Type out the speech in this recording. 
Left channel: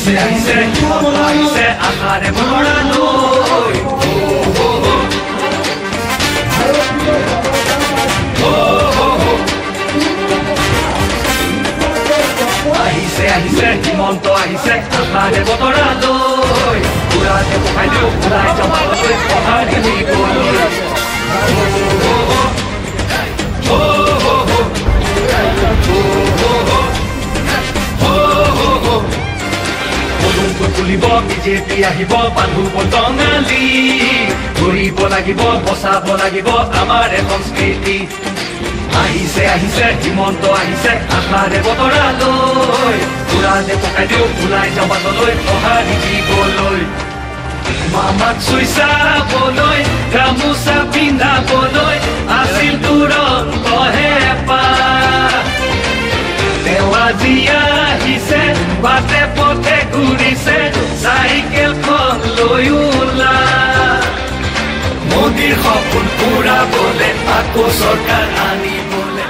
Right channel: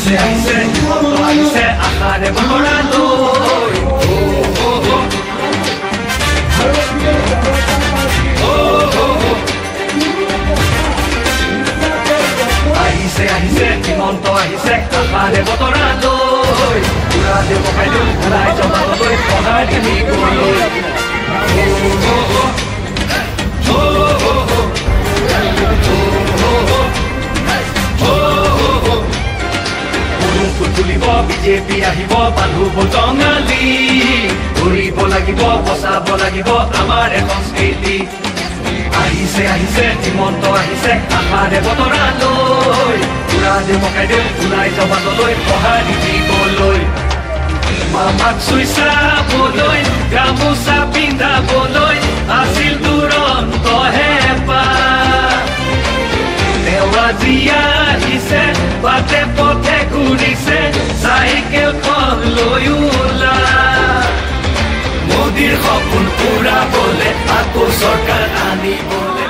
আহিছে আহিছে আহিছে আশাৰে ভৰা লৈ আহিছে আহিছে হিমন্ত আহিছে আশাৰে বতৰা লৈ পুৰা দেৱকাই দিওঁ ওলাই যাবলৈ সহায় দিবলৈ তুলিব বিজেপি আহিব বান্ধুব টঙালি ঘূৰিব লাগিব বচাব লাগিব আমাৰ সংস্কৃতি আহিছে আহিছে হিমন্ত আহিছে আশাৰে বতৰা লৈ পুৰা দেৱকাই দিওঁ ওলাই যাবলৈ সহাৰি দিবলৈ মামাক চুই চাবলৈ গামোচা পিন্ধাবলৈ আছিল তুৰন্ত হেঁপাহ তেওঁ আজি আহিছে বাটে পথে ঘূৰিছে চাইকেলখন লৈ ওলা মোদীৰ সপোন পুৰাবলৈ আকৌ চৰকাৰ আনিবলৈ